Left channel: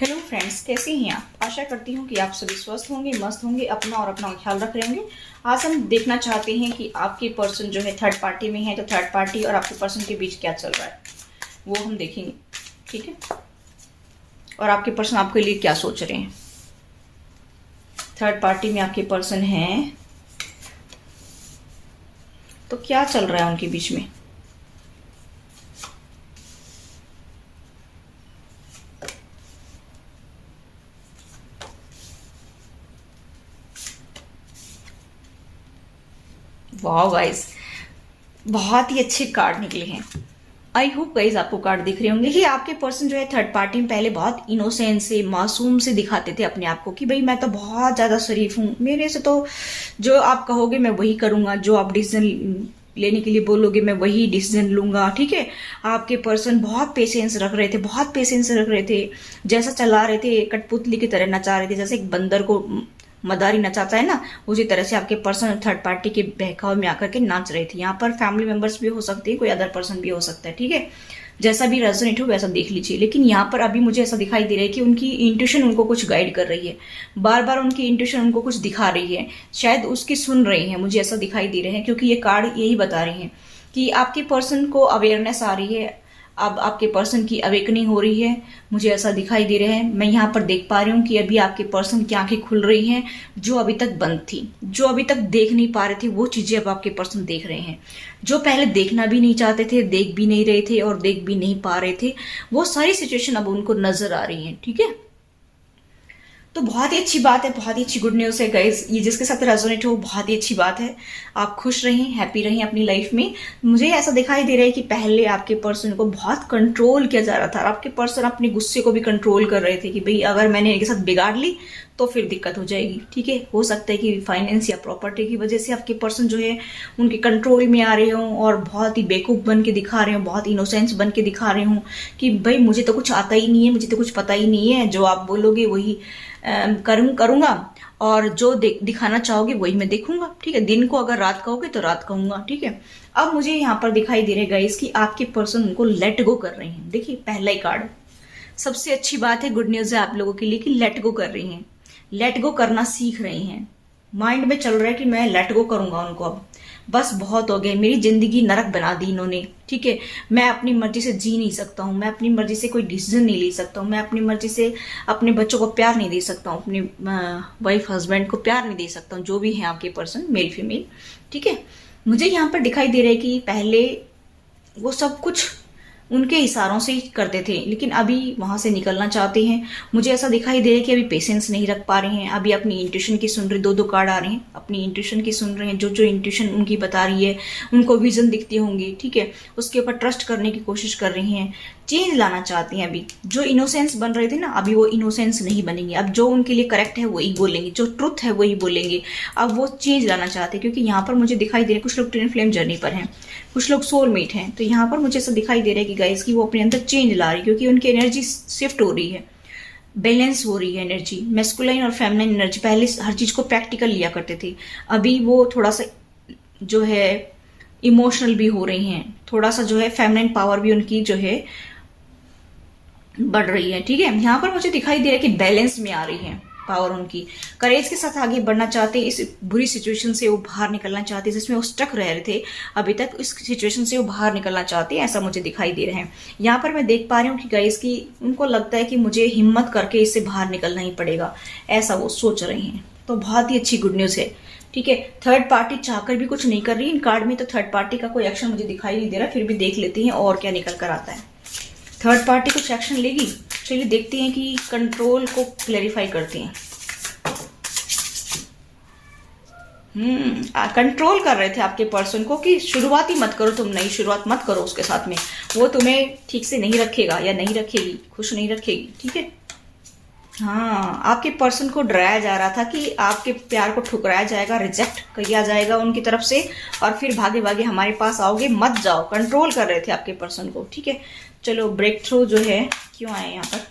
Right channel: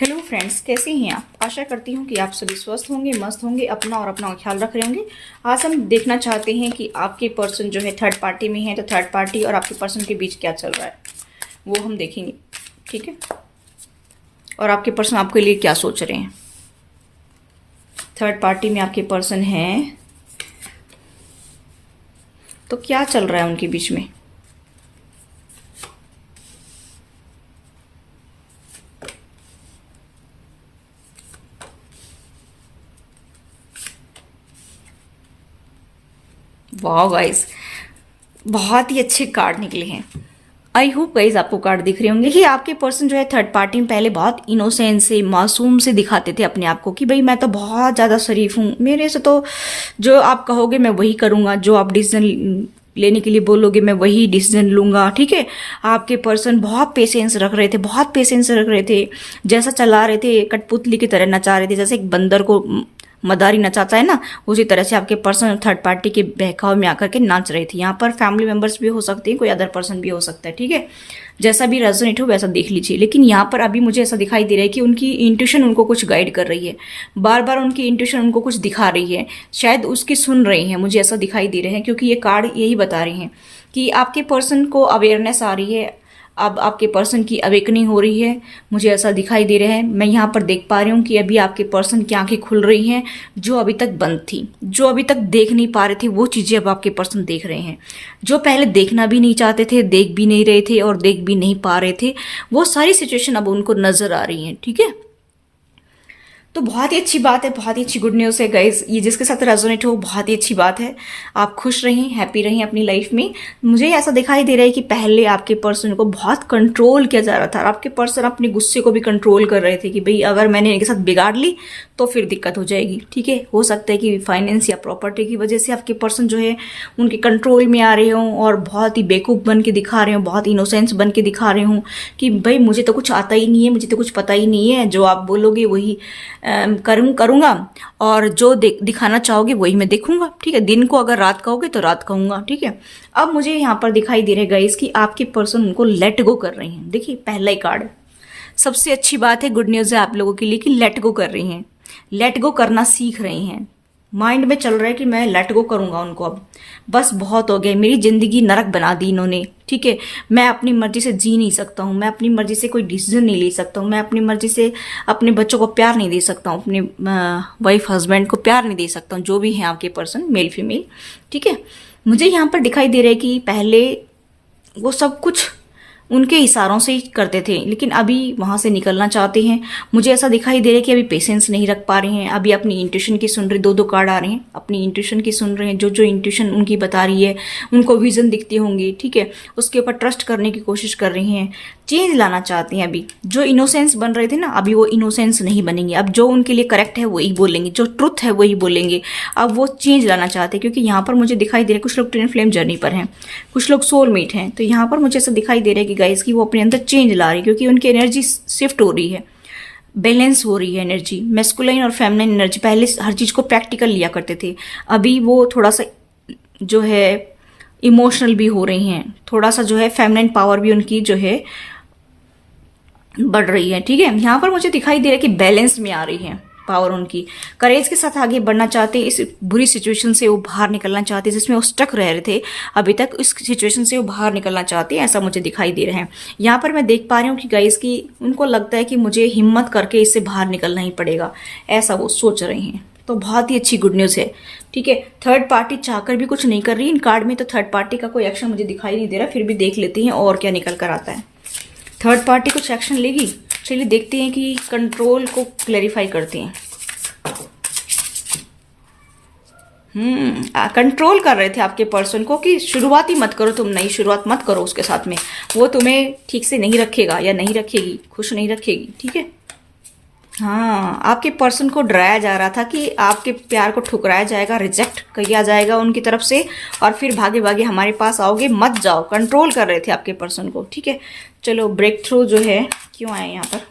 Hello friends, कैसे हैं आप। आशा करती हूँ कि आप सभी स्वस्थ होंगे, मस्त होंगे, अपना और अपना ख्याल रख रहे होंगे। आज हम देखना चाहते हैं कि आपके पर्सन जो है थर्ड पार्टी में है, तो थर्ड पार्टी और आपके पर्सन के बीच क्या चल रहा है वो हम देखेंगे। ठीक है, और आपके पर्सन आपके लिए क्या सोच रहे हैं। थर्ड पार्टी में आपके पर्सन हैं तो क्या चल रहा है उनके बीच में। वाह गाइस, बहुत ही अच्छे कार्ड निकले हैं। आई होप गाइज आपको कार्ड दिख रहे होंगे कि आपके पर्सन जो है थर्ड पार्टी में पहले बहुत इनोसेंट से, मासूम से दिखाते थे अपने आप को कि भाई मैं तो बहुत ज्यादा शरीफ हूँ, मेरे से तो जो आप कहोगे मैं वही करूंगा, जो आप डिसीजन लेने के लिए बोलोगे मैं वही डिसीजन लूंगा। ठीक है, आपके पर्सन बहुत पेशेंस रख रहे थे, बहुत पेशेंस रख रहे थे। जैसा चला रहे थे कठपुतली की तरह नचा रहे थे, जैसे एक बंदर को मदारी नचाता है ना, उसी तरह से आपके पर्सन थर्ड पार्टी के बहकाव में आकर के नाच रही थी। यहाँ पर फैमिली मेंबर्स भी हो सकते हैं, कोई अदर पर्सन भी हो सकता है। ठीक है, जैसा भी रेजोनेट हो वैसा देख लीजिए। लेकिन यहाँ पर अभी मुझे ऐसा दिखाई दे रहा है कि उनकी इंट्यूशन उनको कुछ गाइड कर रही है, बार बार उनकी इंट्यूशन उनको कुछ दिखा रही है, शायद उसकी सुन रही है, मुझे ऐसा दिखाई दे रहा है। क्योंकि ये कार्ड यही बता रहे हैं कि आपके पर्सन को अवेयरनेस आ रही है, अब आपके पर्सन की अवेकनिंग हो रही है, मुझे ऐसा दिखाई दे रहा है। मैं यहाँ पर देख पा रही हूँ कि अभी आपके पर्सन की आंखें खुल रही हैं, जो अभी तक बंद थी, जो अभी तक देख नहीं पा रहे थे वो चीजें अब आपके पर्सन देख रहे हैं। जो पहले देखना भी नहीं चाहते थे, देख भी नहीं रहे थे और देख भी नहीं पा रहे थे, वो सारी सिचुएशन अब उनको नजर आ रही है। ठीक है, तो बहुत ही अच्छी बात है, बहुत ही अच्छी गुड न्यूज़ है गाइज। ये जिसके साथ रेजोनेट हो बहुत ही अच्छी बात है। आप खुश रहें, हैप्पी रहें अपनी लाइफ में। मुझे ऐसा दिखाई दे रहा है कि पहले आपके पर्सन को बहुत कंट्रोल किया जा रहा था, आपके पर्सन अपने गुस्से को भी कंट्रोल कर रहे थे कि भाई अगर मैंने इनके साथ बिगाड़ ली तो फिर दिक्कत हो जाएगी। ठीक है, हो सकता है कि फाइनेंस या प्रॉपर्टी की वजह से आपके पर्सन जो है उनके कंट्रोल में आ रहे हों और बहुत ही बेवकूफ़ बन के दिखा रहे हों, बहुत इनोसेंस बन के दिखा रहे हों कि भाई मुझे तो कुछ आता ही नहीं है, मुझे तो कुछ पता ही नहीं है, जो आप बोलोगे वही करूंगा और जो दिखाना चाहोगे वही मैं देखूंगा। ठीक है, दिन को अगर रात कहोगे तो रात कहूंगा। ठीक है, अब मुझे यहाँ पर दिखाई दे रहा है गाइस कि आपके पर्सन उनको लेट गो कर रहे हैं। देखिए पहला ही कार्ड, सबसे अच्छी बात है, गुड न्यूज है आप लोगों के लिए कि लेट गो कर रही हैं, लेट गो करना सीख रही हैं। माइंड में चल रहा है कि मैं लेट गो करूंगा उनको, अब बस बहुत हो गया, मेरी जिंदगी नरक बना दी इन्होंने। ठीक है, मैं अपनी मर्जी से जी नहीं सकता हूँ, मैं अपनी मर्जी से कोई डिसीजन नहीं ले सकता हूँ, मैं अपनी मर्जी से अपने बच्चों को प्यार नहीं दे सकता हूँ, अपने वाइफ हस्बैंड को प्यार नहीं दे सकता हूँ, जो भी है आपके पर्सन मेल फीमेल। ठीक है, मुझे यहाँ पर दिखाई दे रहा है कि पहले वो सब कुछ उनके इशारों से ही करते थे, लेकिन अभी वहां से निकलना चाहते हैं। मुझे ऐसा दिखाई दे रहा है कि अभी पेशेंस नहीं रख पा रहे हैं, अभी अपनी इंट्यूशन की सुन रहे, दो दो कार्ड आ रहे हैं, अपनी इंट्यूशन की सुन रहे हैं, जो जो इंट्यूशन उनकी बता रही है, उनको विजन दिखती होंगी। ठीक है, उसके ऊपर ट्रस्ट करने की कोशिश कर रही हैं, चेंज लाना चाहती हैं। अभी जो इनोसेंस बन रहे थे ना, अभी वो इनोसेंस नहीं बनेंगे, अब जो उनके लिए करेक्ट है वही बोलेंगे, जो ट्रुथ है वही बोलेंगे। अब वो चेंज लाना चाहते हैं, क्योंकि यहाँ पर मुझे दिखाई दे रहा है कुछ लोग ट्विन फ्लेम जर्नी पर हैं, कुछ लोग सोलमेट हैं। तो यहाँ पर मुझे ऐसा दिखाई दे रहा है कि गाइस की वो अपने अंदर चेंज ला रही है, क्योंकि उनकी एनर्जी शिफ्ट हो रही है, बैलेंस हो रही है एनर्जी। मैस्कुलाइन और फेमिनिन एनर्जी, पहले हर चीज को प्रैक्टिकल लिया करते थे, अभी वो थोड़ा सा जो है इमोशनल भी हो रही हैं, थोड़ा सा जो है फेमिनिन पावर भी उनकी जो है बढ़ रही है। ठीक है, यहाँ पर मुझे दिखाई दे रहा है कि बैलेंस में आ रही है पावर उनकी, करेज के साथ आगे बढ़ना चाहते हैं, इस बुरी सिचुएशन से वो बाहर निकलना चाहते हैं जिसमें वो स्टक रह रहे थे अभी तक, इस सिचुएशन से वो बाहर निकलना चाहते हैं, ऐसा मुझे दिखाई दे रहा है। यहाँ पर मैं देख पा रही हूँ कि गाइस की उनको लगता है कि मुझे हिम्मत करके इससे बाहर निकलना ही पड़ेगा, ऐसा वो सोच रहे हैं। तो बहुत ही अच्छी गुड न्यूज है। ठीक है, थर्ड पार्टी चाहकर भी कुछ नहीं कर रही इन कार्ड में, तो थर्ड पार्टी का कोई एक्शन मुझे दिखाई नहीं दे रहा, फिर भी देख लेते हैं और क्या निकल कर आता है। थर्ड पार्टी कुछ एक्शन लेगी, चलिए देखते हैं कि कंट्रोल को क्लैरिफाई करते हैं। कंट्रोल कर रहे थे आपके पर्सन को कि शुरुआत ही मत करो, तुम नई शुरुआत मत करो उसके साथ में, वो तुम्हें ठीक से नहीं रखेगा या नहीं रखेगी, खुश नहीं रखेगी। ठीक है, हाँ, आपके पर्सन को डराया जा रहा था कि आपके प्यार को ठुकराया जाएगा, रिजेक्ट किया जाएगा उनकी तरफ से, और फिर भागे भागे हमारे पास आओगे, मत जाओ। कंट्रोल कर रहे थे आपके पर्सन को। ठीक है, चलो ब्रेक थ्रू जो है क्यों आए यहाँ पर,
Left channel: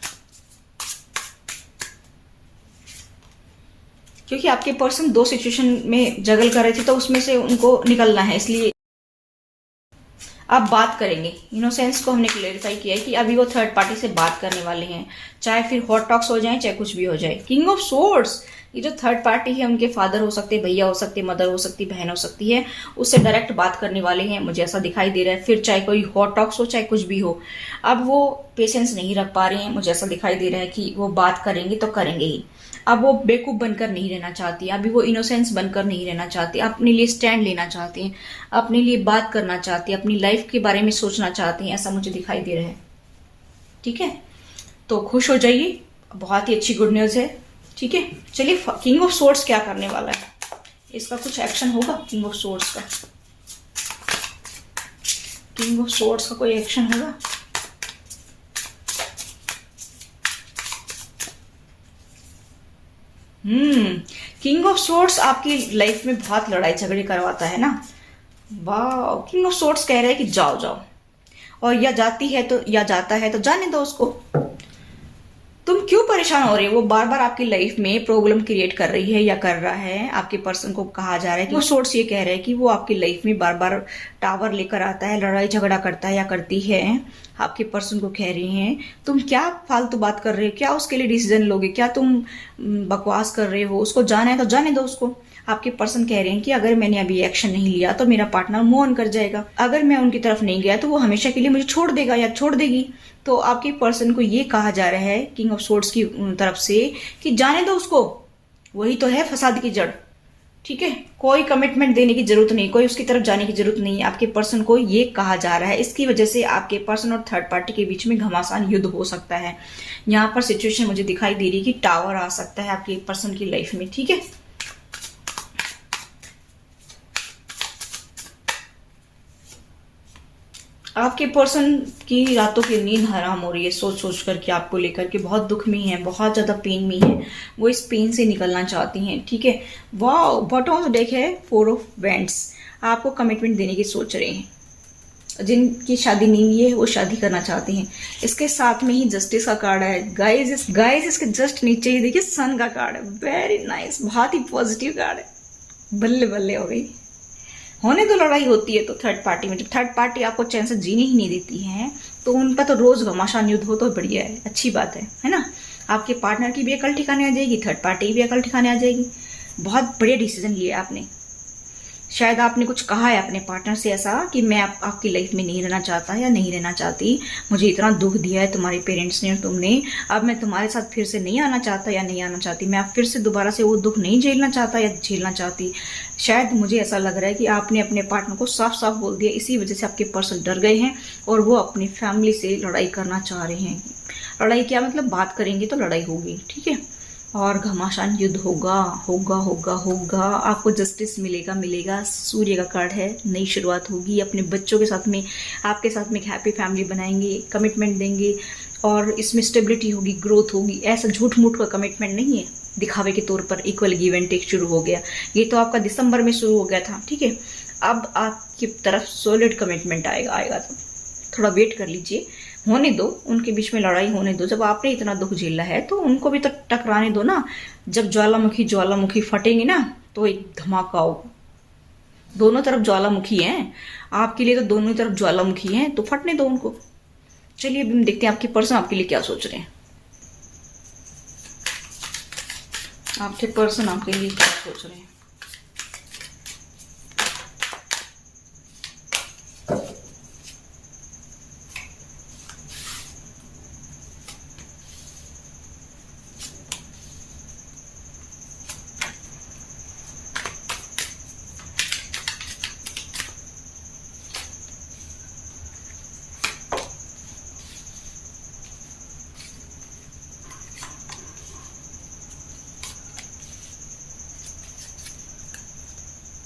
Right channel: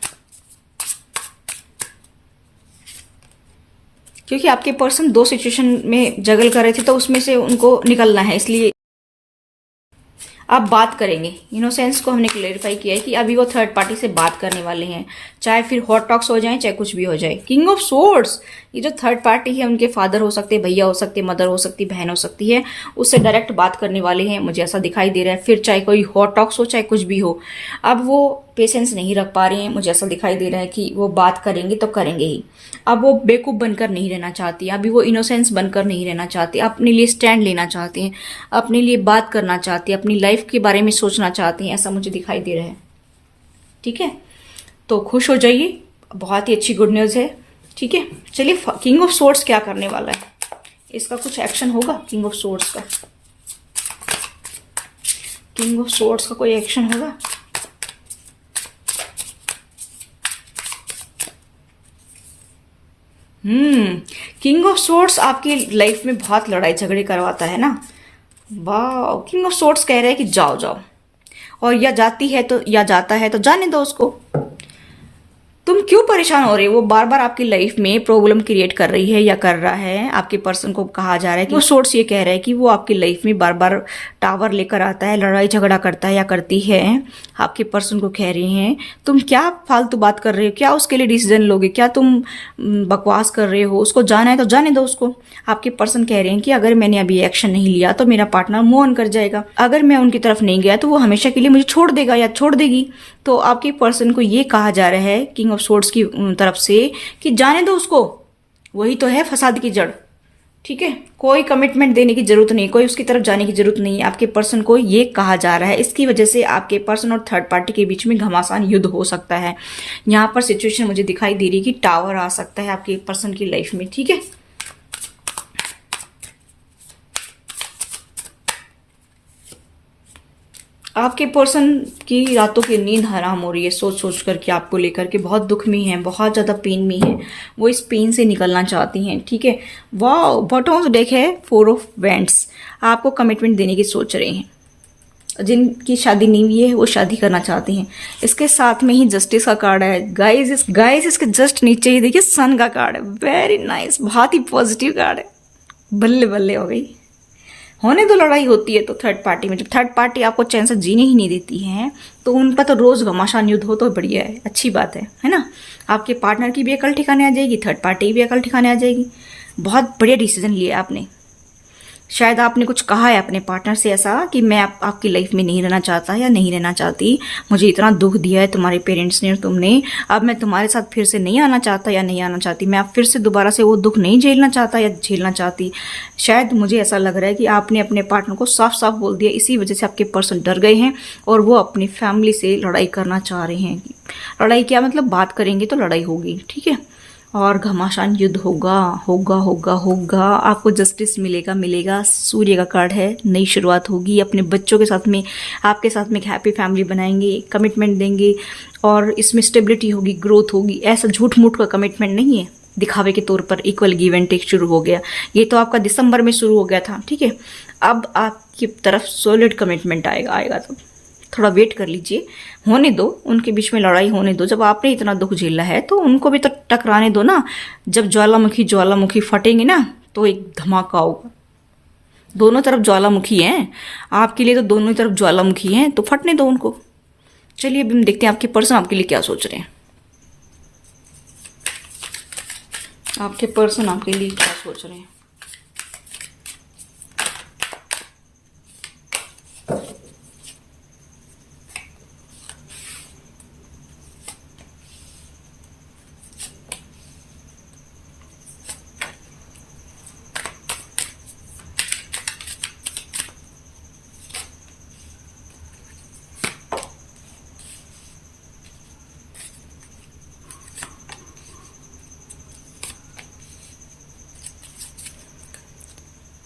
क्योंकि आपके पर्सन दो सिचुएशन में जगल कर रहे थे, तो उसमें से उनको निकलना है, इसलिए आप बात करेंगे। इनोसेंस को हमने क्लेरिफाई किया है कि अभी वो थर्ड पार्टी से बात करने वाले हैं, चाहे फिर हॉट टॉक्स हो जाए, चाहे कुछ भी हो जाए। किंग ऑफ सोर्ड्स, ये जो थर्ड पार्टी है उनके फादर हो सकते, भैया हो सकते, मदर हो सकती, बहन हो सकती है, उससे डायरेक्ट बात करने वाले हैं, मुझे ऐसा दिखाई दे रहा है। फिर चाहे कोई हॉट टॉक्स हो, चाहे कुछ भी हो, अब वो पेशेंस नहीं रख पा रहे हैं, मुझे ऐसा दिखाई दे रहा है कि वो बात करेंगे तो करेंगे ही। अब वो बेवकूफ बनकर नहीं रहना चाहती, अभी वो इनोसेंस बनकर नहीं रहना चाहती, अपने लिए स्टैंड लेना चाहते हैं, अपने लिए बात करना चाहती है, अपनी लाइफ के बारे में सोचना चाहती हैं, ऐसा मुझे दिखाई दे रहा है। ठीक है, तो खुश हो जाइए, बहुत ही अच्छी गुड न्यूज है। ठीक है, चलिए किंग ऑफ सोर्ड्स क्या करने वाला है, इसका कुछ एक्शन होगा। किंग ऑफ सोर्ड्स का, किंग ऑफ सोर्ड्स का कोई एक्शन होगा। किंग ऑफ सोर्ड्स आपकी लाइफ में बहुत लड़ाई झगड़े करवाता है ना। वाह, किंग ऑफ सोर्ड्स कह रहे हैं कि जाओ जाओ, और या जाती है तो या जाता है तो जाने दो उसको। तुम क्यों परेशान हो रहे हो, वो बार बार आपकी लाइफ में प्रॉब्लम क्रिएट कर रही है या कर रहा है। आपके पर्सन को कहा जा रहा है कि वो सोर्स ये कह रहा है कि वो आपकी लाइफ में बार बार टावर लेकर आता है, लड़ाई झगड़ा करता है या करती है। आपके पर्सन को कह रही हैं तुम क्या फालतू बात कर रहे हो, क्या उसके लिए डिसीजन लोगे, क्या तुम बकवास कर रहे हो, उसको जाना है तो जाने दो उसको। आपके पर्सन कह रहे हैं कि अगर मैंने अभी एक्शन नहीं लिया तो मेरा पार्टनर मूव ऑन कर जाएगा, अगर मैं उनकी तरफ नहीं गया तो वो हमेशा के लिए मुझे छोड़ देगा या छोड़ देगी। तो आपके पर्सन को ये कहा जा रहा है किंग ऑफ सोर्ड्स की तरफ से कि जाने दो उसको, वही तो है फसाद की जड़। ठीक है, कोई कमिटमेंट देने की जरूरत नहीं, कोई उसकी तरफ जाने की जरूरत नहीं। आपके पर्सन को ये कहा जा रहा है, इसकी वजह से आपके पर्सन और थर्ड पार्टी के बीच में घमासान युद्ध हो सकता है। यहाँ पर सिचुएशन मुझे दिखाई दे रही है कि टावर आ सकता है आपके पर्सन की लाइफ में। ठीक है, आपके पर्सन की रातों की नींद हराम हो रही है सोच सोच कर कि आपको लेकर के बहुत दुख में है, बहुत ज़्यादा पेन में है, वो इस पेन से निकलना चाहती हैं। ठीक है, वाह, बॉटम ऑफ द डेक है 4 ऑफ वैंड्स, आपको कमिटमेंट देने की सोच रहे हैं। जिनकी शादी नहीं हुई है वो शादी करना चाहते हैं। इसके साथ में ही जस्टिस का कार्ड है गाइस, इसके जस्ट नीचे ही देखिए सन का कार्ड है। वेरी नाइस, बहुत ही पॉजिटिव कार्ड है। बल्ले बल्ले हो गई, होने दो। लड़ाई होती है तो थर्ड पार्टी में, जब थर्ड पार्टी आपको चैन से जीने ही नहीं देती है तो उनका तो रोज घमासान युद्ध हो तो बढ़िया है, अच्छी बात है ना। आपके पार्टनर की भी अकल ठिकाने आ जाएगी, थर्ड पार्टी की भी अकल ठिकाने आ जाएगी। बहुत बढ़िया डिसीजन लिया आपने। शायद आपने कुछ कहा है अपने पार्टनर से ऐसा कि मैं आपकी लाइफ में नहीं रहना चाहता या नहीं रहना चाहती, मुझे इतना दुख दिया है तुम्हारे पेरेंट्स ने और तुमने, अब मैं तुम्हारे साथ फिर से नहीं आना चाहता या नहीं आना चाहती, मैं अब फिर से दोबारा से वो दुख नहीं झेलना चाहता या झेलना चाहती। शायद मुझे ऐसा लग रहा है कि आपने अपने पार्टनर को साफ साफ बोल दिया, इसी वजह से आपके पर्सन डर गए हैं और वो अपनी फैमिली से लड़ाई करना चाह रहे हैं। लड़ाई क्या मतलब, बात करेंगे तो लड़ाई होगी। ठीक है, और घमासान युद्ध होगा होगा होगा होगा। आपको जस्टिस मिलेगा मिलेगा। सूर्य का कार्ड है, नई शुरुआत होगी। अपने बच्चों के साथ में, आपके साथ में एक हैप्पी फैमिली बनाएंगे, कमिटमेंट देंगे और इसमें स्टेबिलिटी होगी, ग्रोथ होगी। ऐसा झूठ मूठ का कमिटमेंट नहीं है दिखावे के तौर पर। इक्वल गिव एंड टेक शुरू हो गया, ये तो आपका दिसंबर में शुरू हो गया था। ठीक है, अब आपकी तरफ सॉलिड कमिटमेंट आएगा तो थोड़ा वेट कर लीजिए, होने दो, उनके बीच में लड़ाई होने दो। जब आपने इतना दुख झेला है तो उनको भी तो टकराने दो ना। जब ज्वालामुखी फटेंगे ना तो एक धमाका होगा। दोनों तरफ ज्वालामुखी हैं, आपके लिए तो दोनों ही तरफ ज्वालामुखी हैं, तो फटने दो उनको। चलिए अब हम देखते हैं आपके पर्सन आपके लिए क्या सोच रहे हैं। आपके पर्सन आपके लिए क्या सोच रहे हैं।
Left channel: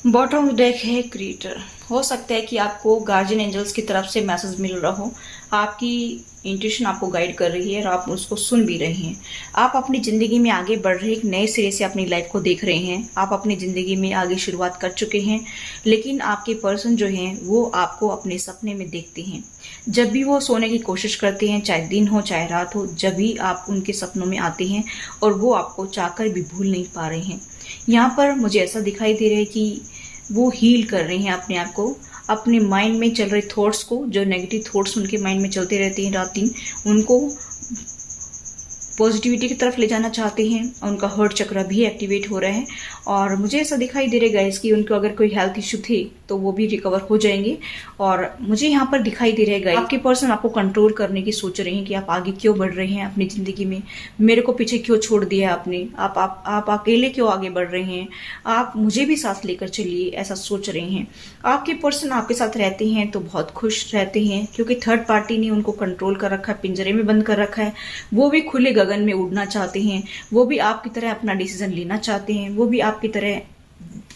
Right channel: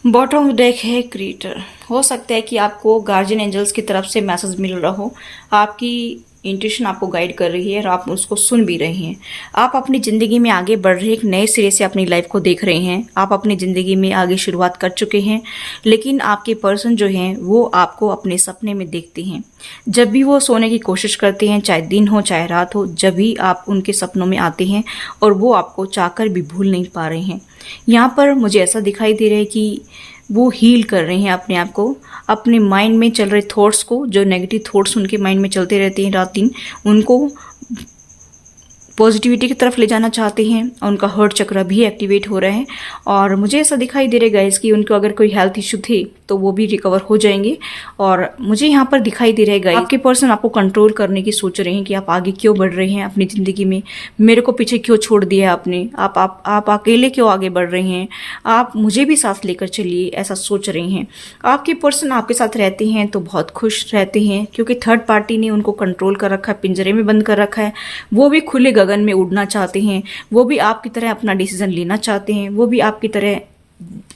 बॉटम डेक है क्रिएटर। हो सकता है कि आपको गार्जियन एंजल्स की तरफ से मैसेज मिल रहा हो, आपकी इंट्यूशन आपको गाइड कर रही है और आप उसको सुन भी रहे हैं। आप अपनी ज़िंदगी में आगे बढ़ रहे, एक नए सिरे से अपनी लाइफ को देख रहे हैं। आप अपनी ज़िंदगी में आगे शुरुआत कर चुके हैं, लेकिन आपके पर्सन जो हैं वो आपको अपने सपने में देखते हैं। जब भी वो सोने की कोशिश करते हैं, चाहे दिन हो चाहे रात हो, जब भी आप उनके सपनों में आते हैं और वो आपको चाहकर भी भूल नहीं पा रहे हैं। यहाँ पर मुझे ऐसा दिखाई दे रहा है कि वो हील कर रहे हैं अपने आप को, अपने माइंड में चल रहे थॉट्स को, जो नेगेटिव थॉट्स उनके माइंड में चलते रहते हैं रात दिन, उनको पॉजिटिविटी की तरफ ले जाना चाहते हैं। और उनका हार्ट चक्र भी एक्टिवेट हो रहा है और मुझे ऐसा दिखाई दे रहा है गाइस कि उनको अगर कोई हेल्थ इशू थे तो वो भी रिकवर हो जाएंगे। और मुझे यहाँ पर दिखाई दे रहा है गाइस, आपके पर्सन आपको कंट्रोल करने की सोच रहे हैं कि आप आगे क्यों बढ़ रहे हैं अपनी ज़िंदगी में, मेरे को पीछे क्यों छोड़ दिया आपने, आप अकेले क्यों आगे बढ़ रहे हैं, आप मुझे भी साथ लेकर चलिए, ऐसा सोच रहे हैं। आपके पर्सन आपके साथ रहते हैं तो बहुत खुश रहते हैं, क्योंकि थर्ड पार्टी ने उनको कंट्रोल कर रखा है, पिंजरे में बंद कर रखा है। वो भी खुले गगन में उड़ना चाहते हैं, वो भी आपकी तरह अपना डिसीजन लेना चाहते हैं, वो भी आपकी तरह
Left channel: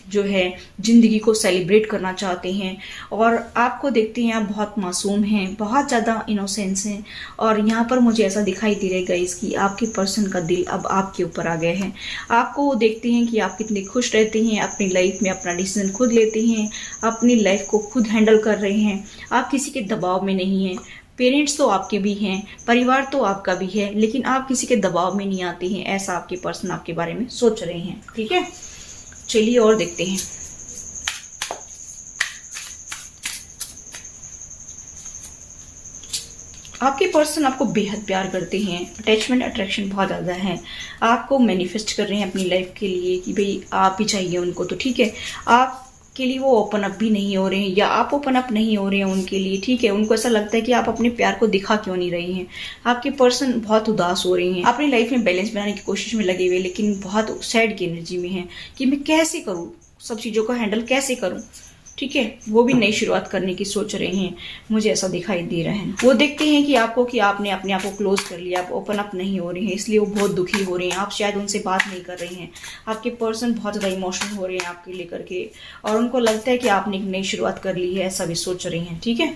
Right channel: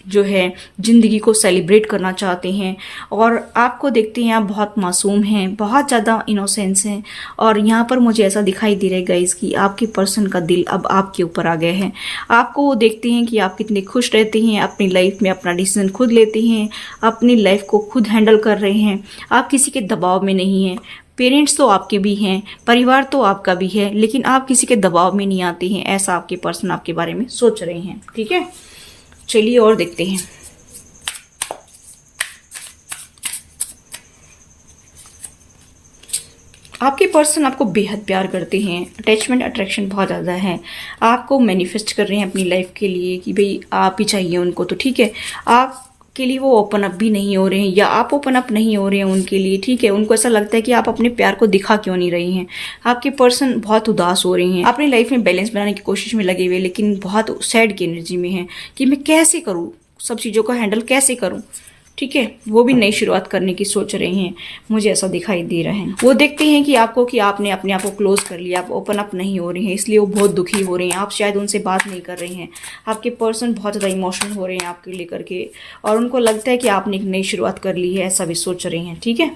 जो है जिंदगी को सेलिब्रेट करना चाहते हैं। और आपको देखते हैं आप बहुत मासूम हैं, बहुत ज़्यादा इनोसेंस हैं। और यहाँ पर मुझे ऐसा दिखाई दे रहा है गाइस कि आपके पर्सन का दिल अब आपके ऊपर आ गया है। आपको वो देखते हैं कि आप कितने खुश रहते हैं, अपनी लाइफ में अपना डिसीजन खुद लेते हैं, अपनी लाइफ को खुद हैंडल कर रहे हैं, आप किसी के दबाव में नहीं हैं। पेरेंट्स तो आपके भी हैं, परिवार तो आपका भी है, लेकिन आप किसी के दबाव में नहीं आते हैं, ऐसा आपके पर्सन आपके बारे में सोच रहे हैं। ठीक है, चलिए और देखते हैं। आपके पर्सन आपको बेहद प्यार करते हैं, अटैचमेंट अट्रैक्शन बहुत ज़्यादा है, आपको मैनिफेस्ट कर रहे हैं अपनी लाइफ के लिए कि भाई आप ही चाहिए उनको। तो ठीक है, आप के लिए वो ओपन अप भी नहीं हो रहे हैं, या आप ओपन अप नहीं हो रहे हैं उनके लिए। ठीक है, उनको ऐसा लगता है कि आप अपने प्यार को दिखा क्यों नहीं रही हैं। आपके पर्सन बहुत उदास हो रही हैं, अपनी लाइफ में बैलेंस बनाने की कोशिश में लगे हुए, लेकिन बहुत सैड की एनर्जी में हैं कि मैं कैसे करूँ, सब चीज़ों को हैंडल कैसे करूँ। ठीक है, वो भी नई शुरुआत करने की सोच रहे हैं, मुझे ऐसा दिखाई दे रहा है। वो देखते हैं कि आपको कि आपने अपने आप को क्लोज कर लिया, आप ओपन अप नहीं हो रहे हैं, इसलिए वो बहुत दुखी हो रहे हैं। आप शायद उनसे बात नहीं कर रही हैं, आपके पर्सन बहुत ज़्यादा इमोशनल हो रहे हैं आपके लेकर के, और उनको लगता है कि आपने एक नई शुरुआत कर ली है, ऐसा भी सोच रही हैं। ठीक है,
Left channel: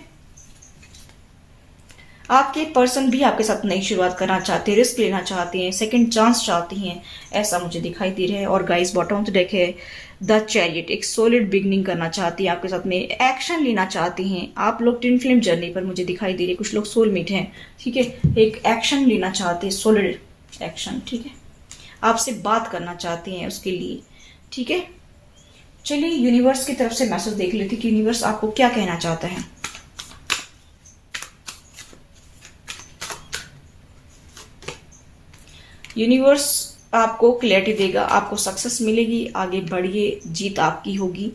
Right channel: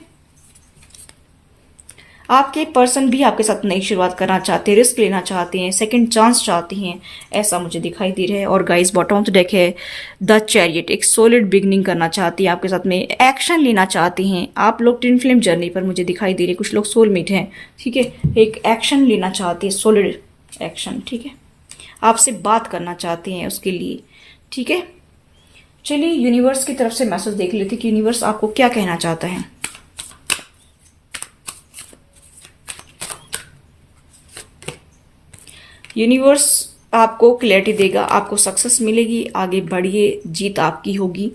आपके पर्सन भी आपके साथ नई शुरुआत करना चाहते हैं, रिस्क लेना चाहते हैं, सेकंड चांस चाहते हैं, ऐसा मुझे दिखाई दे रहा है। और guys, bottom of the deck है द चैरियट, एक सॉलिड बिगनिंग करना चाहती है आपके साथ में, एक्शन लेना चाहती हैं। आप लोग ट्विन फ्लेम जर्नी पर मुझे दिखाई दे रहे हैं, कुछ लोग सोलमेट हैं। ठीक है, एक एक्शन लेना चाहती है, सॉलिड एक्शन। ठीक है, आपसे बात करना चाहते हैं उसके लिए। ठीक है, चलिए यूनिवर्स की तरफ से मैसेज देख लेते कि यूनिवर्स आपको क्या कहना चाहता है। यूनिवर्स आपको क्लैरिटी देगा, आपको सक्सेस मिलेगी, आगे बढ़िए, जीत आपकी होगी।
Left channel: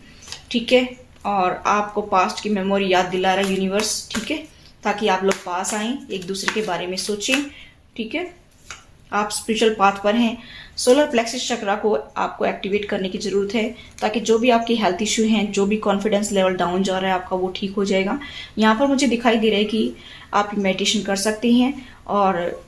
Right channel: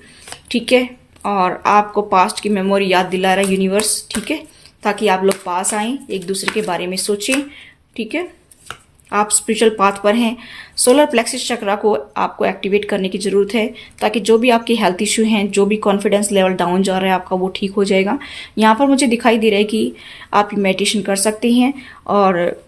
ठीक है, और आपको पास्ट की मेमोरी याद दिला रहा है यूनिवर्स। ठीक है, ताकि आप लोग पास आएं, एक दूसरे के बारे में सोचें। ठीक है, आप स्पिरिचुअल पाथ पर हैं। सोलर प्लेक्सिस चक्रा को आपको एक्टिवेट करने की ज़रूरत है, ताकि जो भी आपके हेल्थ इशू हैं, जो भी कॉन्फिडेंस लेवल डाउन जा रहा है आपका, वो ठीक हो जाएगा। यहाँ पर मुझे दिखाई दे रहा है कि आप मेडिटेशन कर सकते हैं, और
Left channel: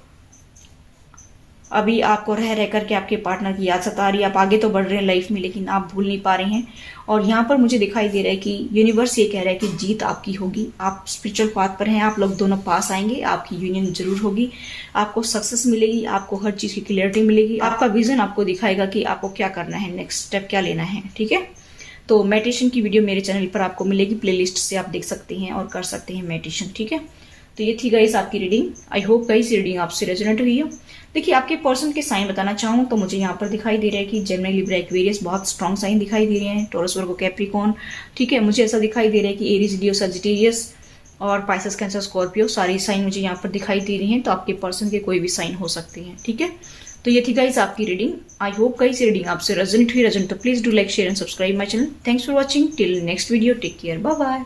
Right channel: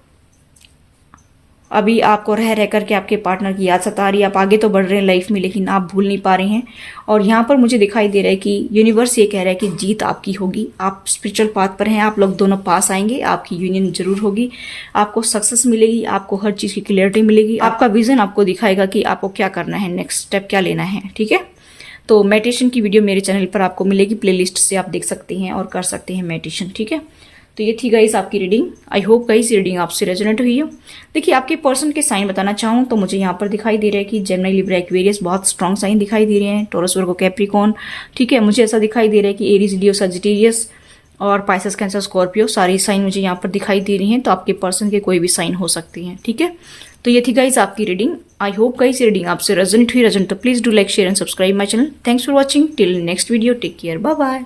अभी आपको रह रह करके आपके पार्टनर की याद सता रही है। आप आगे तो बढ़ रहे हैं लाइफ में, लेकिन आप भूल नहीं पा रहे हैं। और यहाँ पर मुझे दिखाई दे रहा है कि यूनिवर्स ये कह रहा है कि जीत आपकी होगी, आप स्पिरिचुअल पाथ पर हैं, आप लोग दोनों पास आएंगे, आपकी यूनियन जरूर होगी, आपको सक्सेस मिलेगी, आपको हर चीज़ की क्लियरिटी मिलेगी, आपका विजन आपको दिखाएगा कि आपको क्या करना है, नेक्स्ट स्टेप क्या लेना है। ठीक है, तो मेडिटेशन की वीडियो मेरे चैनल पर आपको मिलेगी, प्लेलिस्ट से आप देख सकते हैं और कर सकते हैं मेडिटेशन। ठीक है, तो ये थी गाइस आपकी reading. I hope guys reading आपसे रेजोनेट हुई हो। देखिए, आपके पर्सन के साइन बताना चाहूँ तो मुझे यहाँ पर दिखाई दे रहा है कि जेमिनी, लिब्रा, एक्वेरियस बहुत स्ट्रॉन्ग साइन दिखाई दे रहे हैं, टॉरस, वर्गो, कैप्रिकॉर्न। ठीक है, मुझे ऐसा दिखाई दे रहा है कि एरीज, लियो, सजिटेरियस और पाइसेस, कैंसर, स्कॉर्पियो, सारे साइन मुझे यहाँ पर दिखाई दे रही हैं। तो आपके पर्सन के कोई भी साइन हो सकते हैं। ठीक है, तो ये थी गाइस आपकी reading. I hope guys reading आपसे रेजोनेट हुई। तो please do like, share and subscribe my channel. Thanks for watching, till next video, take care, bye bye.